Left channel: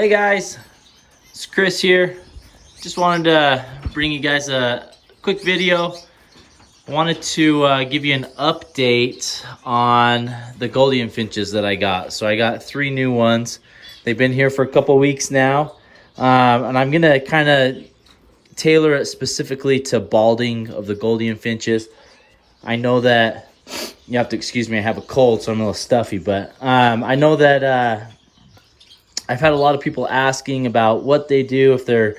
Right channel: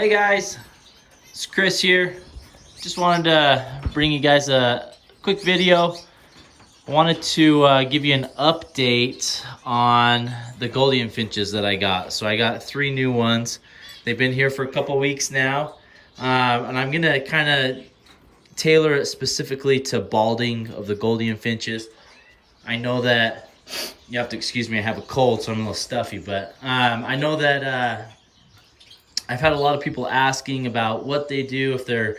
Hey guys, it's Chris here. Just wanted to bring you guys a quick video. I wanted to give you an update on the Gouldian Finches that I got. So I got 3 new ones. They've been here for a couple weeks now. And I'm gonna kind of tailor it specifically to balding of the Gouldian Finches. I know that, you have to excuse me, I have a cold, so I'm a little stuffy, but I know that I've had a lot of people asking about what they do if the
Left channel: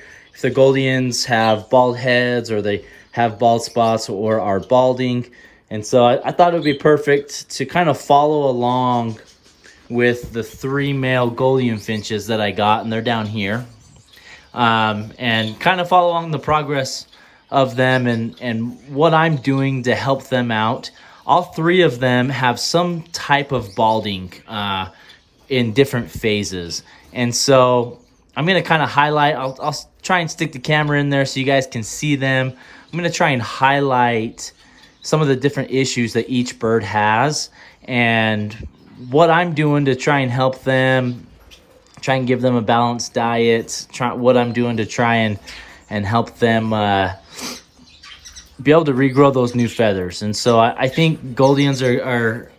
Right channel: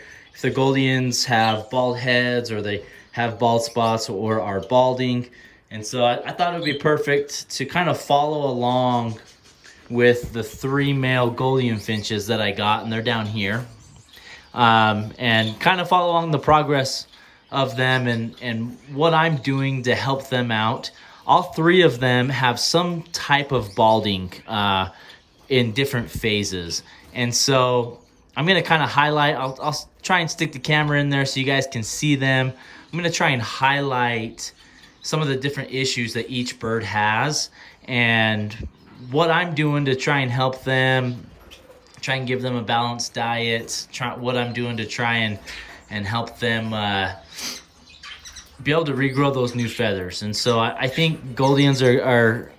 Gouldians have bald heads or they have bald spots or are balding. And so I thought it would be perfect to kind of follow along with the 3 male Gouldian Finches that I got, and they're down here. And kind of follow along the progress of them and what I'm doing to help them out. All 3 of them have some type of balding in different phases. And so I'm going to kind of highlight, I'll try and stick the camera in there so you guys can see them. I'm going to try and highlight some of the different issues that each bird has and what I'm doing to try and help them, try and give them a balanced diet, what I'm doing to try and help them be able to regrow those new feathers. And so I think Gouldians are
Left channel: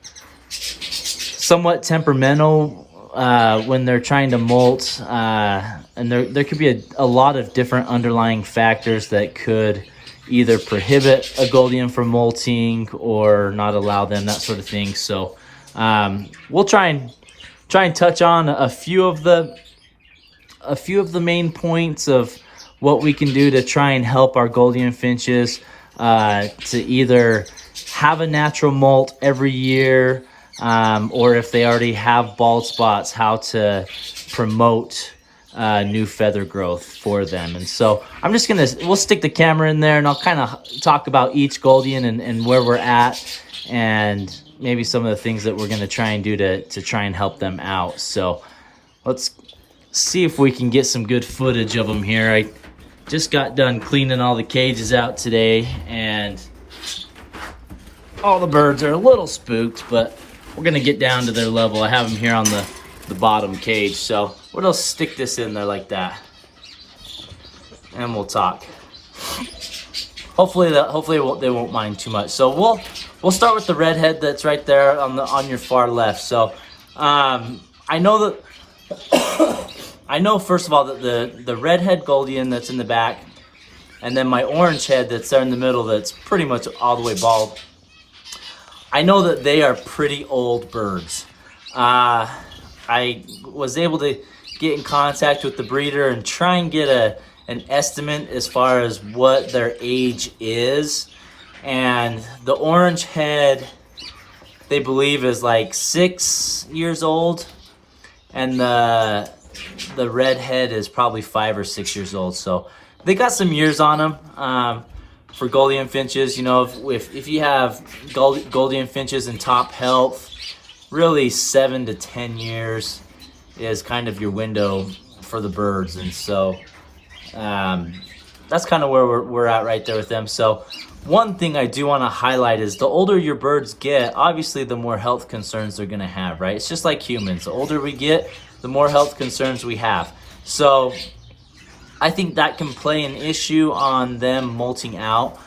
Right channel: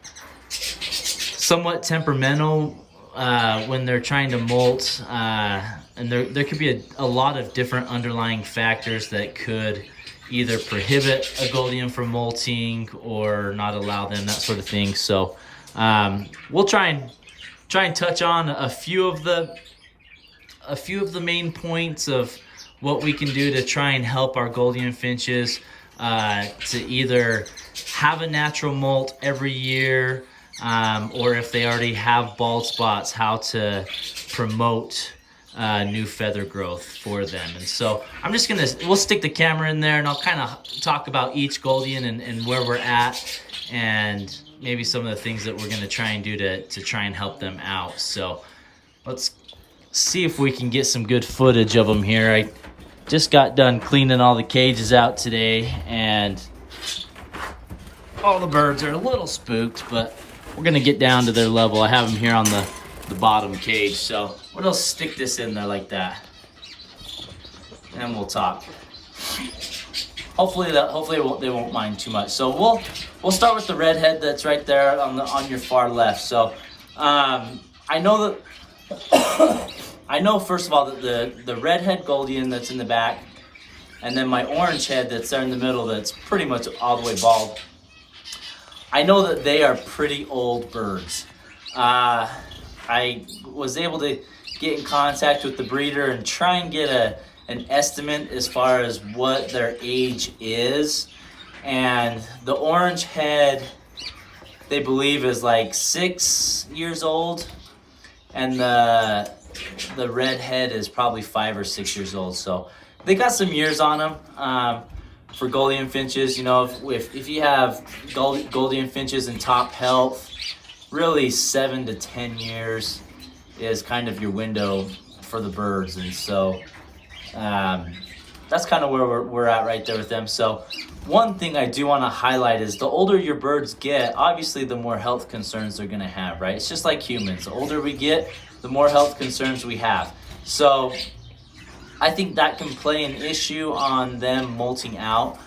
somewhat temperamental when they're trying to molt, and there could be a lot of different underlying factors that could either prohibit a Gouldian from molting or not allow them, that sort of thing. So we'll try and touch on a few of the main points of what we can do to try and help our Gouldian Finches to either have a natural molt every year, or if they already have bald spots, how to promote new feather growth for them. And so we'll stick the camera in there and I'll kind of talk about each Gouldian and where we're at and maybe some of the things that we're going to try and do to try and help them out. So let's see if we can get some good footage of them here. I just got done cleaning all the cages out today and all the birds are a little spooked, but we're gonna get down to their level. I have them here on the bottom cage, so we'll just stick this in there like that, and we'll talk. Hopefully they won't mind too much. So we'll start with the redhead that's right there on your far left. So I know first of all that the redhead Gouldian that's in the back, and then my orange head that's there in the middle that's pretty much all the way bald. I know that they are pretty old birds. I was able to get in contact with the breeder and try and get an estimate as far as what their age is. And the orange head, they believe, is like 6 years old. And the red head is probably 5 or 6 years old. So they got some years on them. For Gouldian Finches, you know, if you have Gouldian Finches in top health, really 7 to 10 years is kind of your window for the birds. And so that's kind of where we're at right there with them. So one thing I do want to highlight is the older your birds get, obviously the more health concerns they're going to have, right? It's just like humans. The older we get, the more health concerns we have. So I think that can play an issue on them molting out.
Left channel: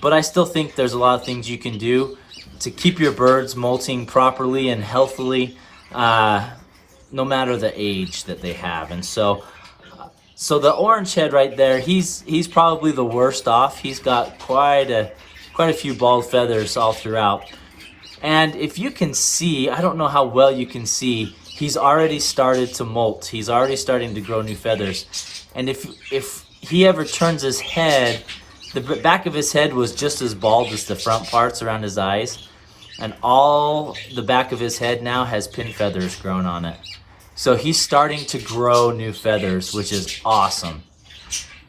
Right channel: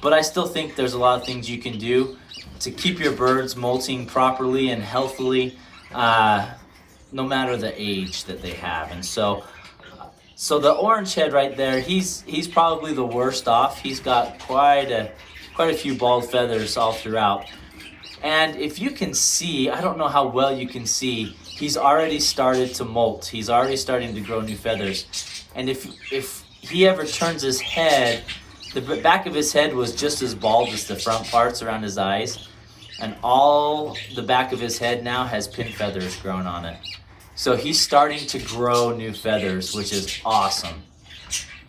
But I still think there's a lot of things you can do to keep your birds molting properly and healthily, no matter the age that they have. And so the orange head right there, he's probably the worst off. He's got quite a few bald feathers all throughout. And if you can see, I don't know how well you can see, he's already started to molt. He's already starting to grow new feathers. And if he ever turns his head, the back of his head was just as bald as the front parts around his eyes. And all the back of his head now has pin feathers grown on it. So he's starting to grow new feathers, which is awesome.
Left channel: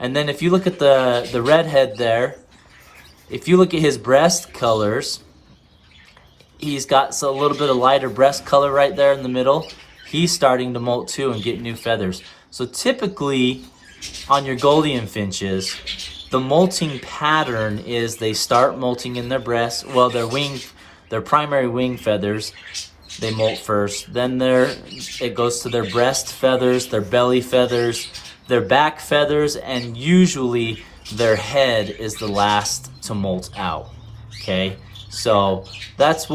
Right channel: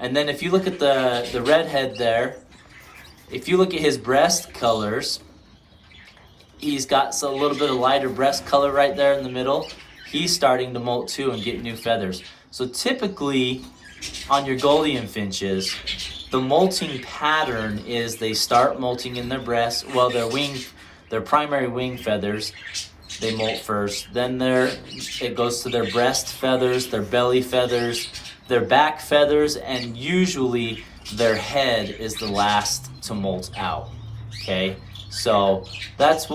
And then if you look at the redhead there, if you look at his breast colors, he's got a little bit of lighter breast color right there in the middle. He's starting to molt too and get new feathers. So typically on your Gouldian Finches, the molting pattern is they start molting in their breast, well, their primary wing feathers, they molt first. Then it goes to their breast feathers, their belly feathers, their back feathers, and usually their head is the last to molt out. Okay, so that's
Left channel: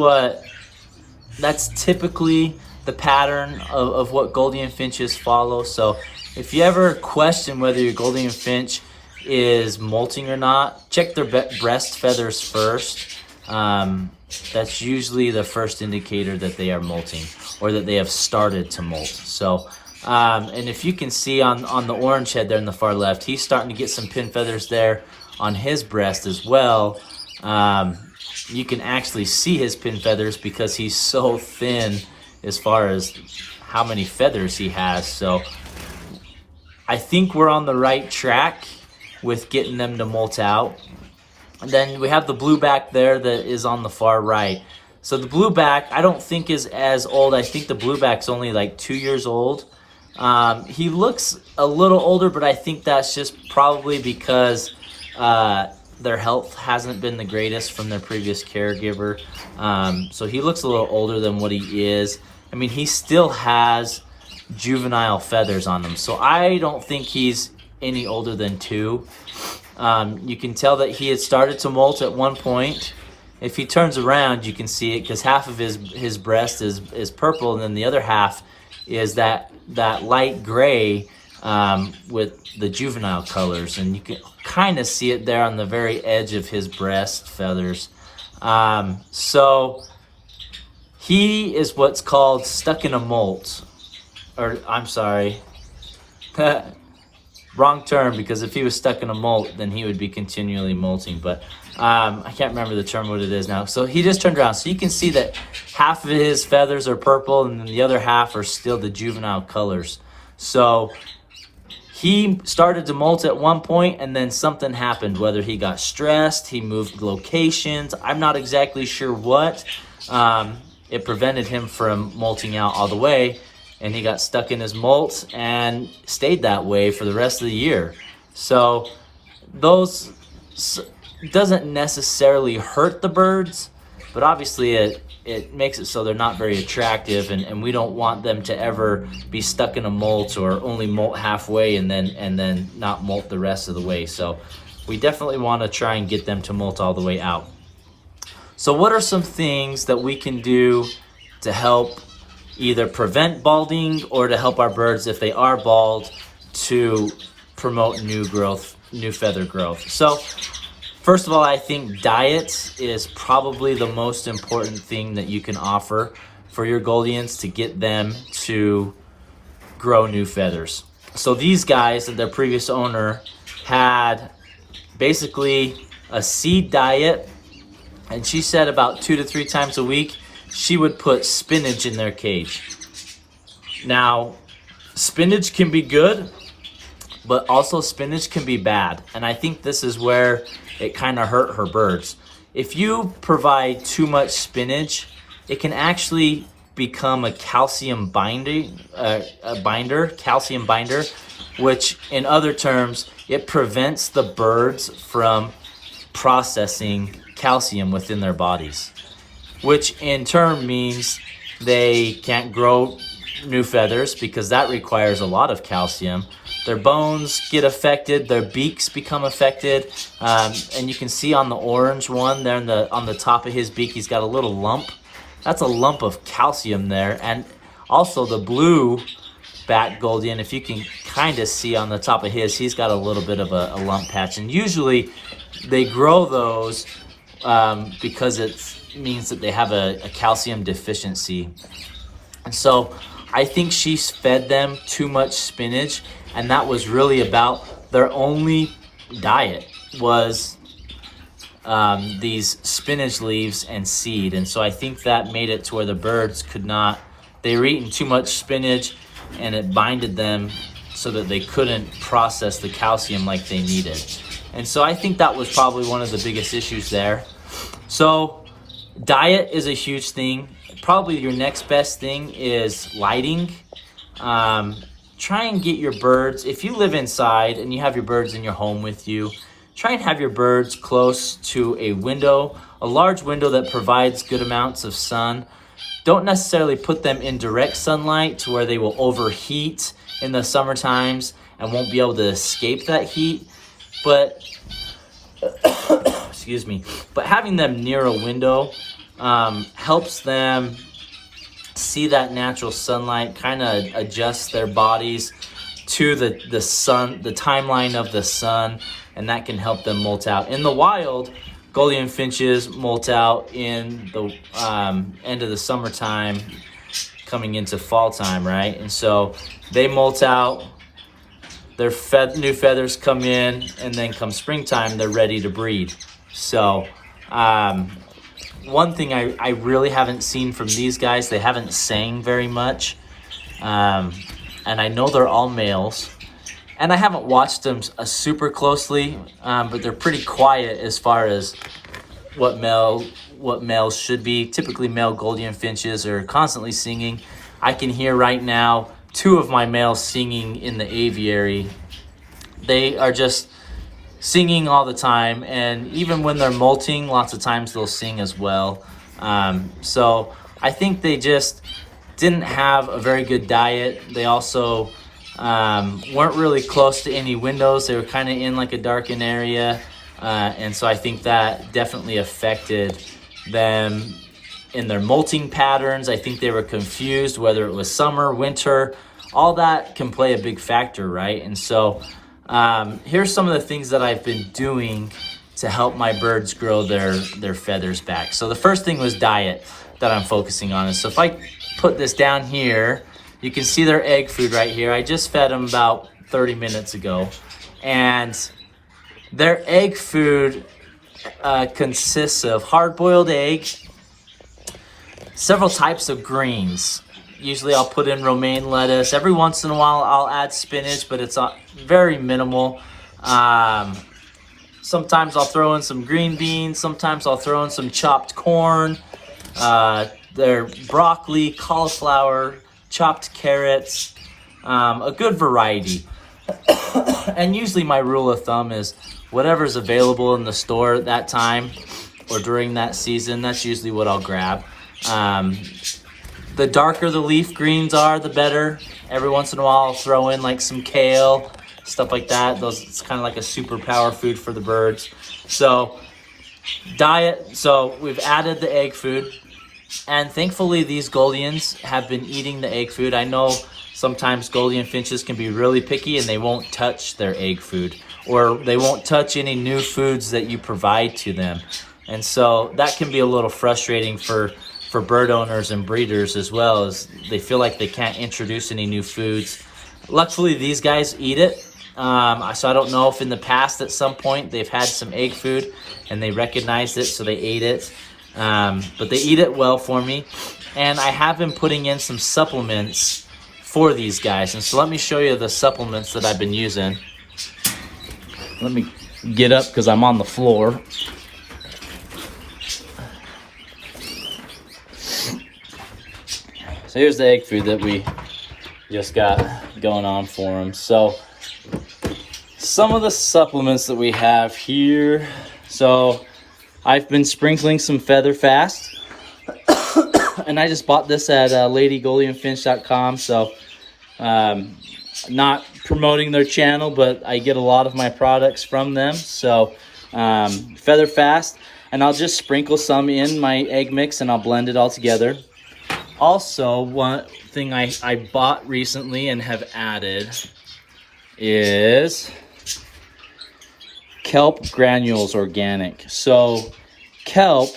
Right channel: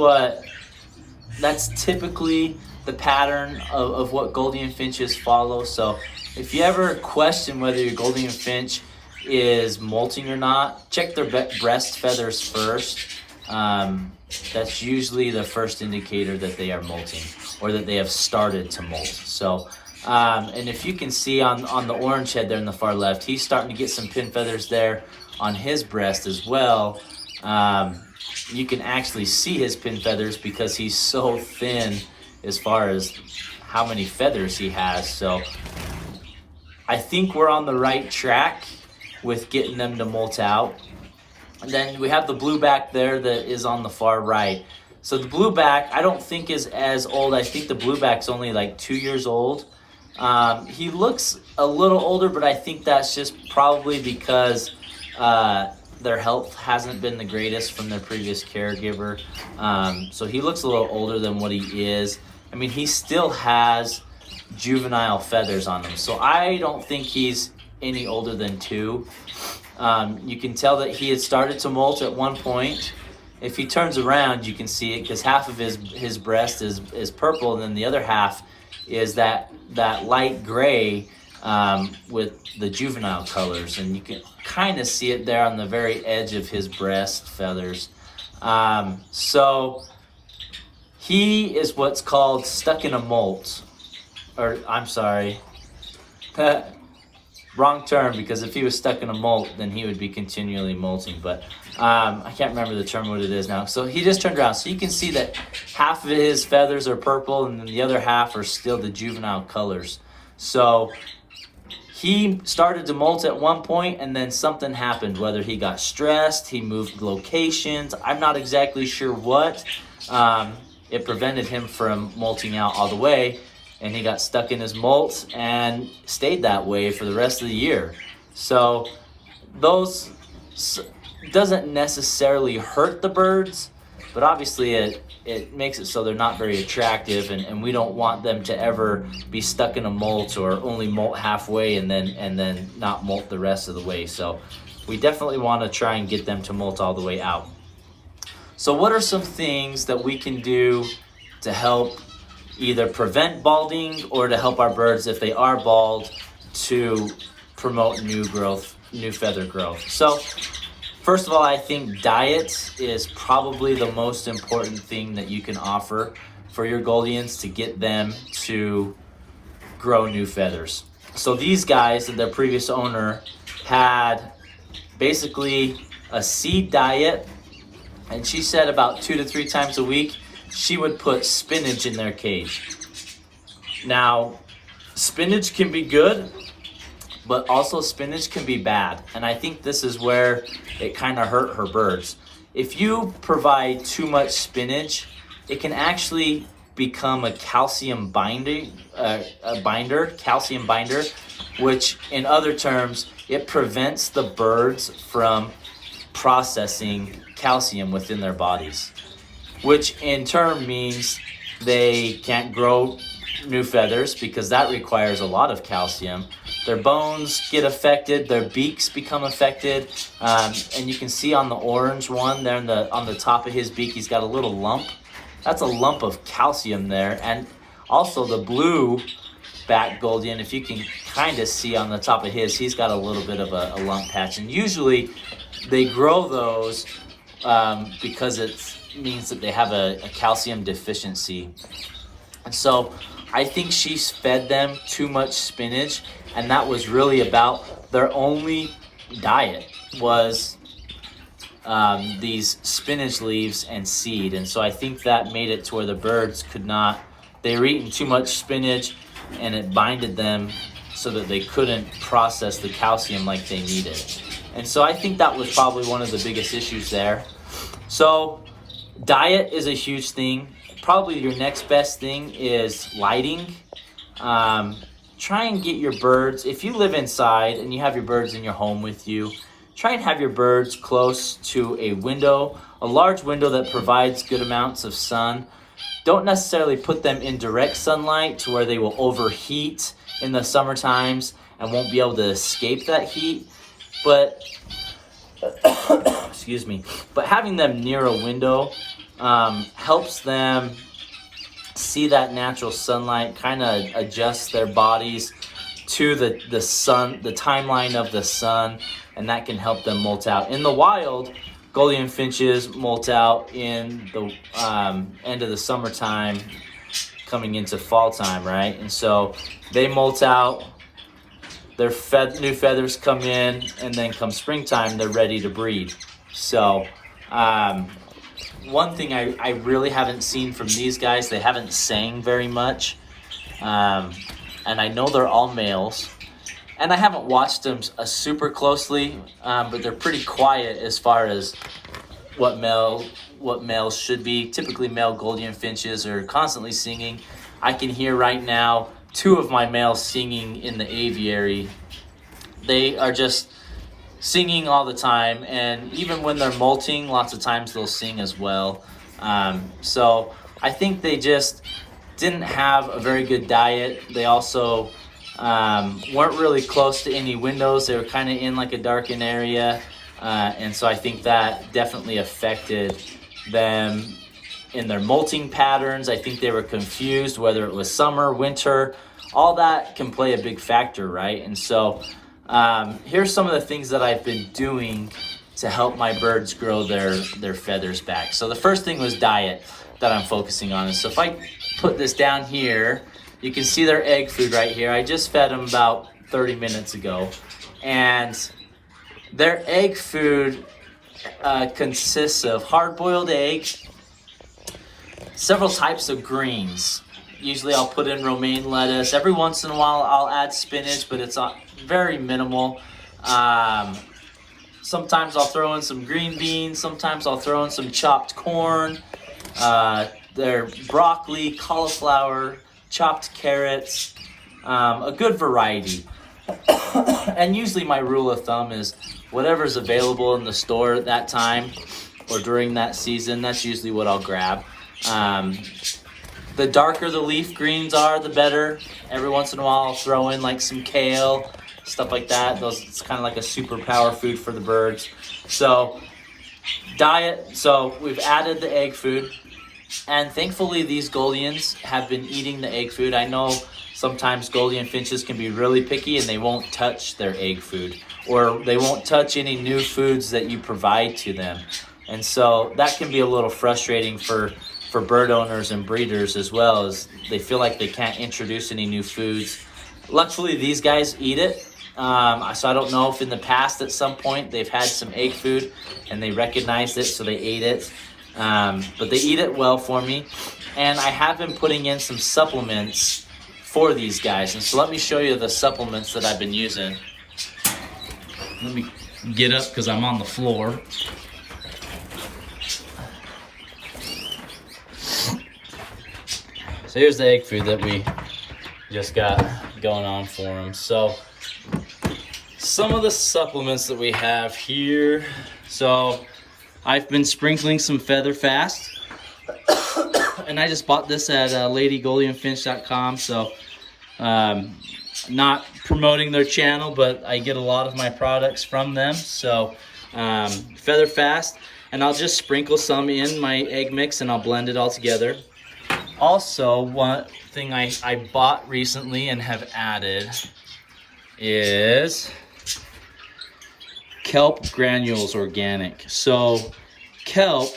typically the pattern of what Gouldian Finches follow. So if you ever question whether your Gouldian Finch is molting or not, check their breast feathers first. That's usually the first indicator that they are molting or that they have started to molt. So, and if you can see on the orange head there in the far left, he's starting to get some pin feathers there on his breast as well. You can actually see his pin feathers because he's so thin as far as how many feathers he has. So I think we're on the right track with getting them to molt out. Then we have the blueback there that is on the far right. So the blueback I don't think is as old. I think the blueback's only like 2 years old. He looks a little older, but I think that's just probably because their health hasn't been the greatest from their previous caregiver. So he looks a little older than what he is. I mean, he still has juvenile feathers on him, so I don't think he's any older than 2. You can tell that he had started to molt at one point. If he turns around, you can see it because half of his breast is purple, and then the other half is that light gray with the juvenile colors, and you can kind of see it there on the very edge of his breast feathers. So he is what's called stuck in a molt, or I'm sorry, wrong term, because if he was stuck in a molt, then he would be continually molting, but I can't remember the term what it is now. So he just turned around, so you can see that half of his feathers are purple and the other half are still the juvenile colors. So he started to molt at one point, and then something happened, whether he got stressed, he moved locations, I'm not exactly sure what. It prevented him from molting out all the way, and he got stuck in his molt and stayed that way for the rest of the year. So those doesn't necessarily hurt the birds, but obviously it makes it so they're not very attractive, and we don't want them to ever be stuck in a molt or only molt halfway and then not molt the rest of the way. So we definitely want to try and get them to molt all the way out. So what are some things that we can do to help either prevent balding or to help our birds, if they are bald, to promote new feather growth? So first of all, I think diet is probably the most important thing that you can offer for your Gouldians to get them to grow new feathers. So these guys and their previous owner had basically a seed diet, and she said about 2 to 3 times a week she would put spinach in their cage. Now, spinach can be good, but also spinach can be bad, and I think this is where it kind of hurt her birds. If you provide too much spinach, it can actually become a calcium binder, which in other terms, it prevents the birds from processing calcium within their bodies, which in turn means they can't grow new feathers because that requires a lot of calcium. Their bones get affected, their beaks become affected, and you can see on the orange one there on the top of his beak, he's got a little lump. That's a lump of calcium there. And also the blue back Gouldian, if you can kind of see on the top of his, he's got a little bit of a lump patch. And usually they grow those because it means that they have a calcium deficiency. And so I think she fed them too much spinach, and that was really about their only diet was these spinach leaves and seed. And so I think that made it to where the birds could not, they were eating too much spinach and it binded them so that they couldn't process the calcium like they needed. And so I think that was probably one of the biggest issues there. So diet is a huge thing. Probably your next best thing is lighting. Try and get your birds, if you live inside and you have your birds in your home with you, try and have your birds close to a window, a large window that provides good amounts of sun. Don't necessarily put them in direct sunlight to where they will overheat in the summer times and won't be able to escape that heat. But excuse me, but having them near a window helps them see that natural sunlight, kind of adjust their bodies to the sun, the timeline of the sun, and that can help them molt out. In the wild, Gouldian finches molt out in the end of the summertime, coming into fall time, right? And so they molt out, their new feathers come in, and then come springtime, they're ready to breed. So one thing I really haven't seen from these guys, they haven't sang very much. And I know they're all males. And I haven't watched them super closely, but they're pretty quiet as far as what males should be. Typically male Gouldian finches are constantly singing. I can hear right now 2 of my males singing in the aviary. They are just singing all the time, and even when they're molting, lots of times they'll sing as well. So I think they just didn't have a very good diet. They also weren't really close to any windows. They were kind of in like a darkened area, and so I think that definitely affected them in their molting patterns. I think they were confused whether it was summer, winter. All that can play a big factor, right? And so here's some of the things that I've been doing to help my birds grow their feathers back. So the first thing was diet that I'm focusing on. So if I put this down here, you can see their egg food right here. I just fed them about 30 minutes ago. And their egg food consists of hard-boiled egg, several types of greens. Usually I'll put in romaine lettuce. Every once in a while I'll add spinach, but it's very minimal. Sometimes I'll throw in some green beans. Sometimes I'll throw in some chopped corn. Their broccoli, cauliflower, chopped carrots, a good variety. And usually my rule of thumb is whatever's available in the store at that time or during that season, that's usually what I'll grab. The darker the leaf greens are, the better. Every once in a while I'll throw in like some kale, stuff like that. It's kind of like a superpower food for the birds. So diet, so we've added the egg food. And thankfully these Gouldians have been eating the egg food. I know sometimes Gouldian finches can be really picky and they won't touch their egg food, or they won't touch any new foods that you provide to them. And so that can be a little frustrating for bird owners and breeders, as well, as they feel like they can't introduce any new foods. Luckily these guys eat it. So I don't know if in the past at some point they've had some egg food and they recognized it, so they ate it. But they eat it well for me. And I have been putting in some supplements for these guys. And so let me show you the supplements that I've been using. Let me get up because I'm on the floor. So here's the egg food that we just got going on for them. So some of the supplements that we have here. So I've been sprinkling some Feather Fast, and I just bought this at LadyGouldianFinch.com. So not promoting their channel, but I get a lot of my products from them. So Feather Fast, and I'll just sprinkle some in my egg mix and I'll blend it all together. Also, one thing I bought recently and have added is Kelp Granules Organic. So kelp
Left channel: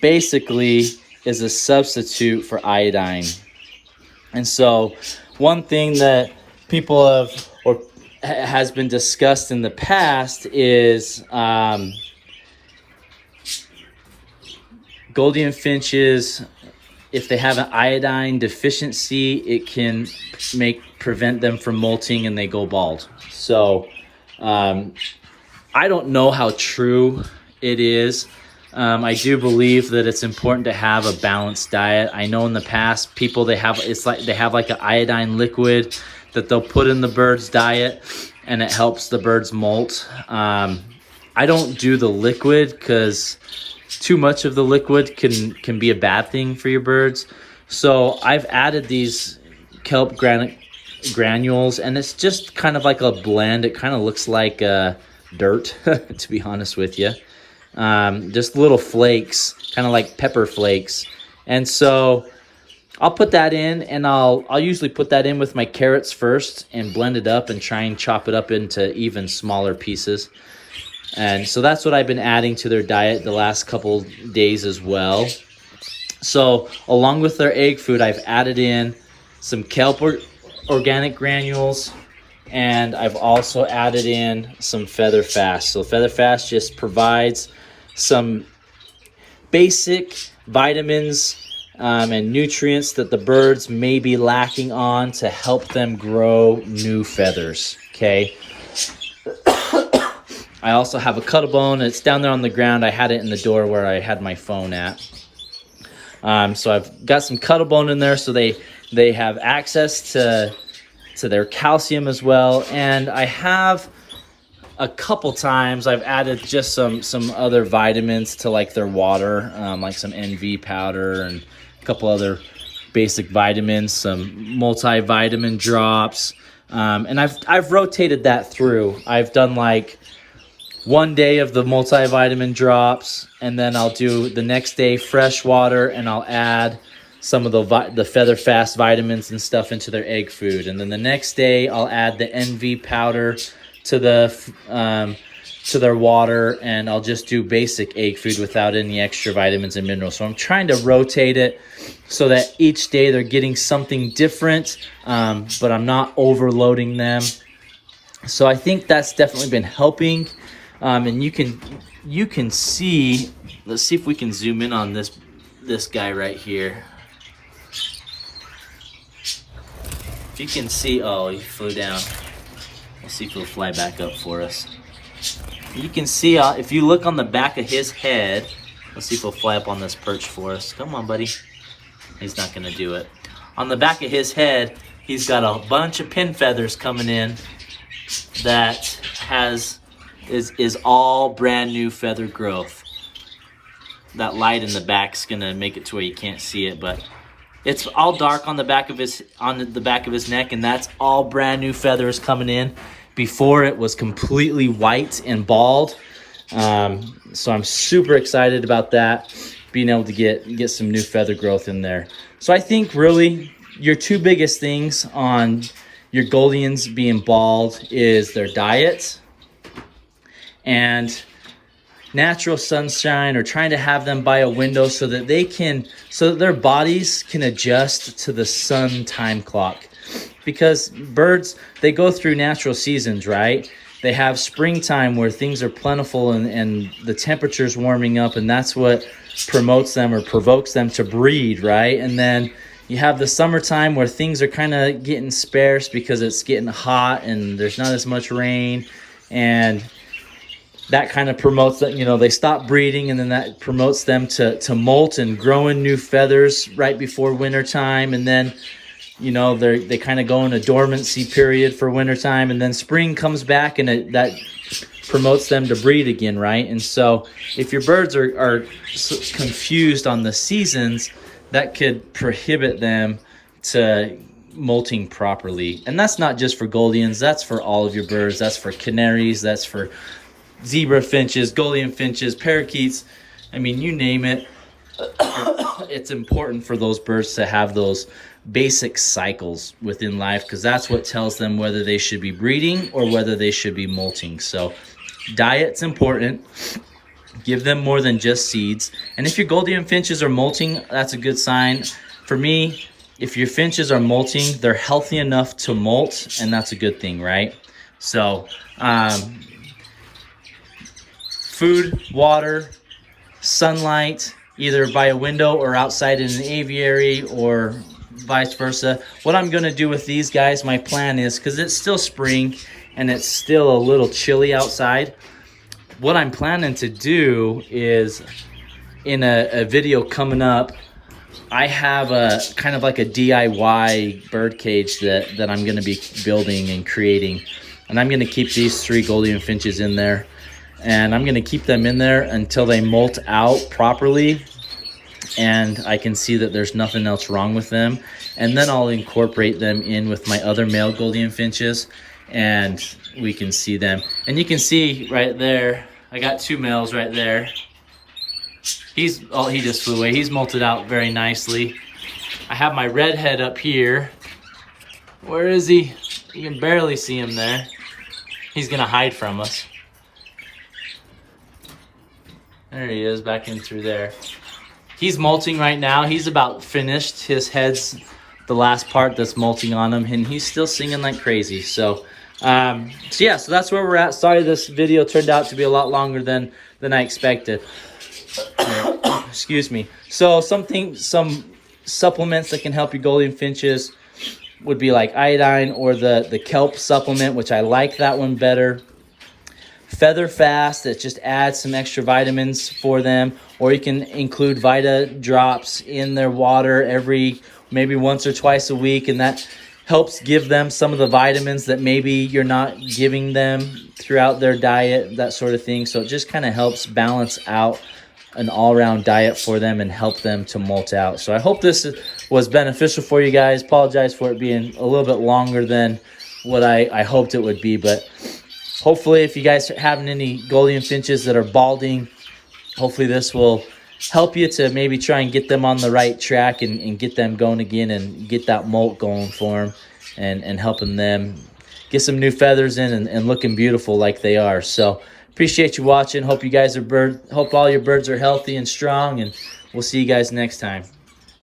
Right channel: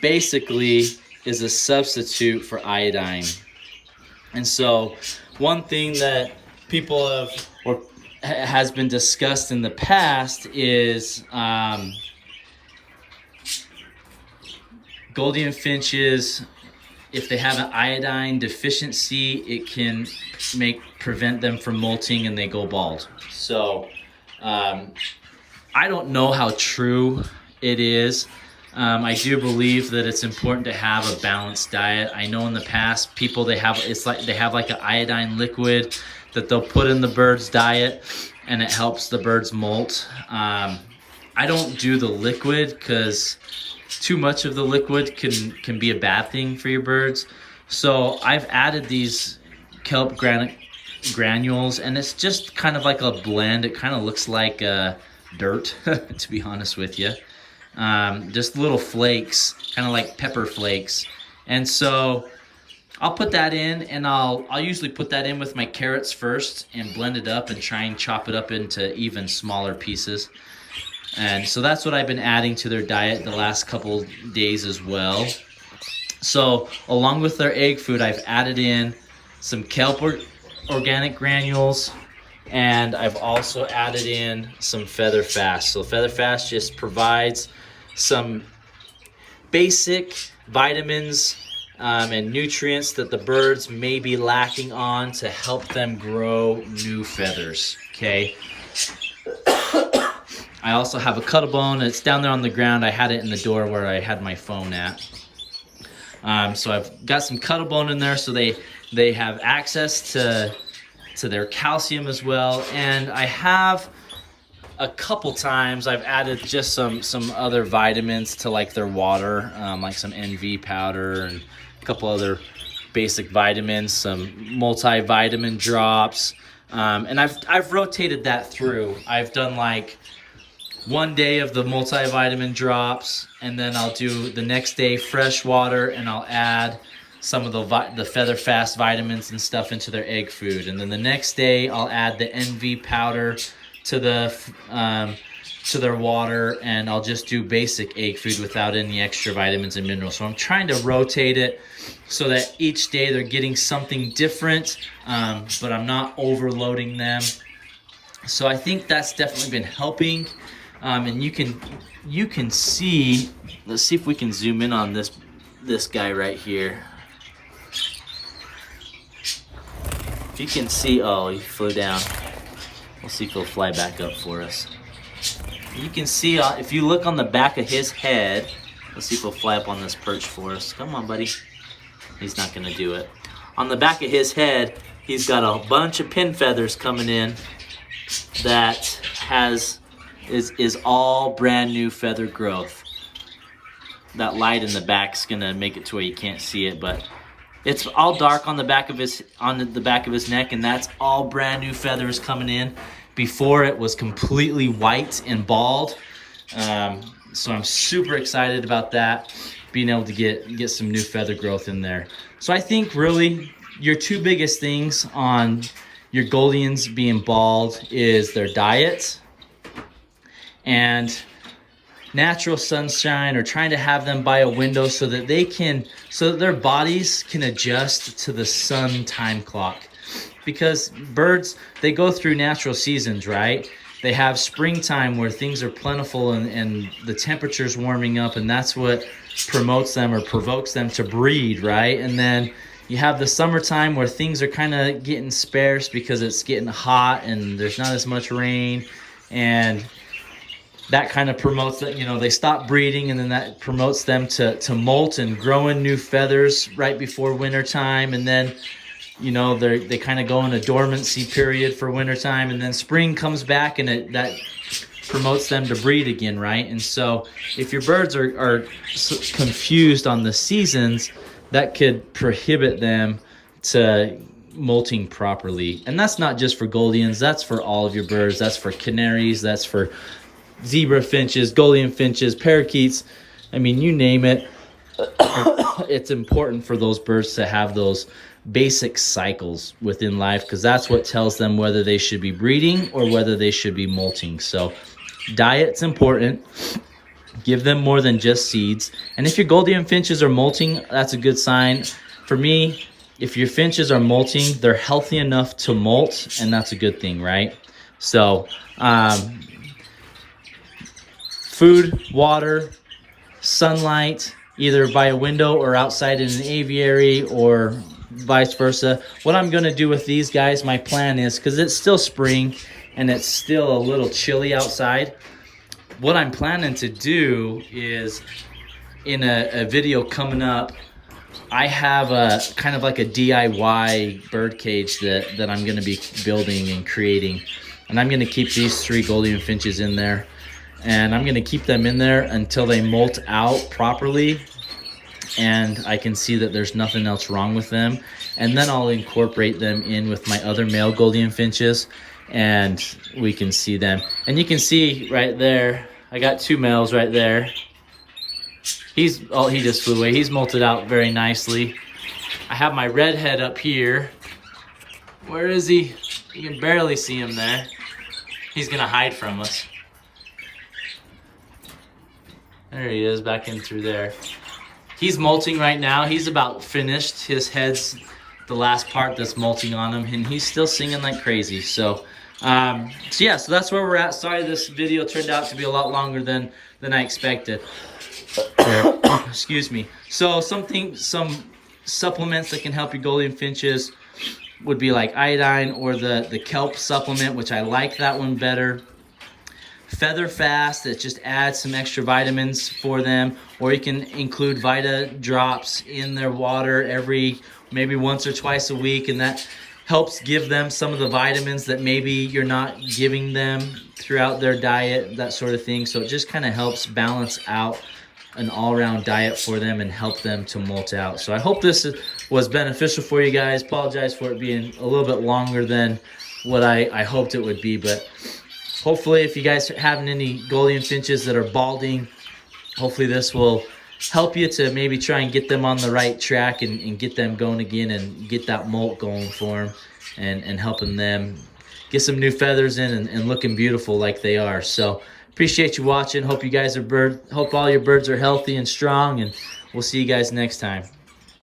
basically is a substitute for iodine. And so one thing that people have, or has been discussed in the past, is Gouldian finches, if they have an iodine deficiency, it can prevent them from molting and they go bald. So I don't know how true it is. I do believe that it's important to have a balanced diet. I know in the past people, they have like an iodine liquid that they'll put in the bird's diet and it helps the birds molt. I don't do the liquid because too much of the liquid can be a bad thing for your birds. So I've added these kelp granules, and it's just kind of like a blend. It kind of looks like dirt, to be honest with you. Just little flakes, kind of like pepper flakes. And so I'll put that in, and I'll usually put that in with my carrots first and blend it up and try and chop it up into even smaller pieces. And so that's what I've been adding to their diet the last couple days as well. So along with their egg food, I've added in some kelp organic granules, and I've also added in some feather fast. So feather fast just provides some basic vitamins and nutrients that the birds may be lacking on to help them grow new feathers, okay? I also have a Cuttlebone. It's down there on the ground. I had it in the door where I had my phone at. So I've got some Cuttlebone in there so they have access to their calcium as well. And I have a couple times I've added just some other vitamins to like their water, like some NV powder and a couple other basic vitamins, some multivitamin drops. And I've rotated that through. I've done like one day of the multivitamin drops, and then I'll do the next day fresh water, and I'll add some of the feather fast vitamins and stuff into their egg food. And then the next day I'll add the NV powder to their water, and I'll just do basic egg food without any extra vitamins and minerals. So I'm trying to rotate it so that each day they're getting something different, but I'm not overloading them. So I think that's definitely been helping. And you can see, let's see if we can zoom in on this guy right here. If you can see, oh, he flew down. We'll see if he'll fly back up for us. You can see, if you look on the back of his head, let's see if he'll fly up on this perch for us. Come on, buddy. He's not gonna do it. On the back of his head, he's got a bunch of pin feathers coming in that is all brand new feather growth. That light in the back's gonna make it to where you can't see it, but it's all dark on the back of his neck, and that's all brand new feathers coming in. Before it was completely white and bald. So I'm super excited about that, being able to get some new feather growth in there. So I think really your two biggest things on your Gouldians being bald is their diet and natural sunshine, or trying to have them by a window so that their bodies can adjust to the sun time clock. Because birds, they go through natural seasons, right? They have springtime where things are plentiful and the temperature's warming up, and that's what promotes them or provokes them to breed, right? And then you have the summertime where things are kind of getting sparse because it's getting hot and there's not as much rain, and that kind of promotes that, they stop breeding, and then that promotes them to molt and growing new feathers right before wintertime. And then, they kind of go in a dormancy period for wintertime, and then spring comes back, and that promotes them to breed again, right? And so if your birds are confused on the seasons, that could prohibit them to molting properly. And that's not just for Gouldians, that's for all of your birds. That's for canaries, that's for zebra finches, Gouldian finches, parakeets. I mean, you name it. It's important for those birds to have those basic cycles within life, because that's what tells them whether they should be breeding or whether they should be molting. So diet's important. Give them more than just seeds. And if your Gouldian finches are molting, that's a good sign. For me, if your finches are molting, they're healthy enough to molt, and that's a good thing, right? So food, water, sunlight, either by a window or outside in an aviary or vice versa. What I'm going to do with these guys, my plan is, because it's still spring and it's still a little chilly outside, what I'm planning to do is, in a video coming up, I have a kind of like a DIY bird cage that I'm going to be building and creating. And I'm going to keep these 3 Gouldian finches in there. and I'm gonna keep them in there until they molt out properly and I can see that there's nothing else wrong with them. And then I'll incorporate them in with my other male Gouldian finches, and we can see them. And you can see right there, I got 2 males right there. He just flew away. He's molted out very nicely. I have my redhead up here. Where is he? You can barely see him there. He's gonna hide from us. There he is, back in through there. He's molting right now. He's about finished. His head's the last part that's molting on him, and he's still singing like crazy. So yeah, so that's where we're at. Sorry this video turned out to be a lot longer than I expected. Excuse me. So some supplements that can help your Gouldian finches would be like iodine or the kelp supplement, which I like that one better. Feather Fast, that just adds some extra vitamins for them, or you can include Vita drops in their water maybe once or twice a week, and that helps give them some of the vitamins that maybe you're not giving them throughout their diet, that sort of thing. So it just kind of helps balance out an all-around diet for them and help them to molt out. So I hope this was beneficial for you guys. Apologize for it being a little bit longer than what I hoped it would be, but hopefully if you guys are having any Gouldian finches that are balding, hopefully this will help you to maybe try and get them on the right track and get them going again and get that molt going for them and helping them get some new feathers in and looking beautiful like they are. So appreciate you watching. Hope you guys hope all your birds are healthy and strong, and we'll see you guys next time.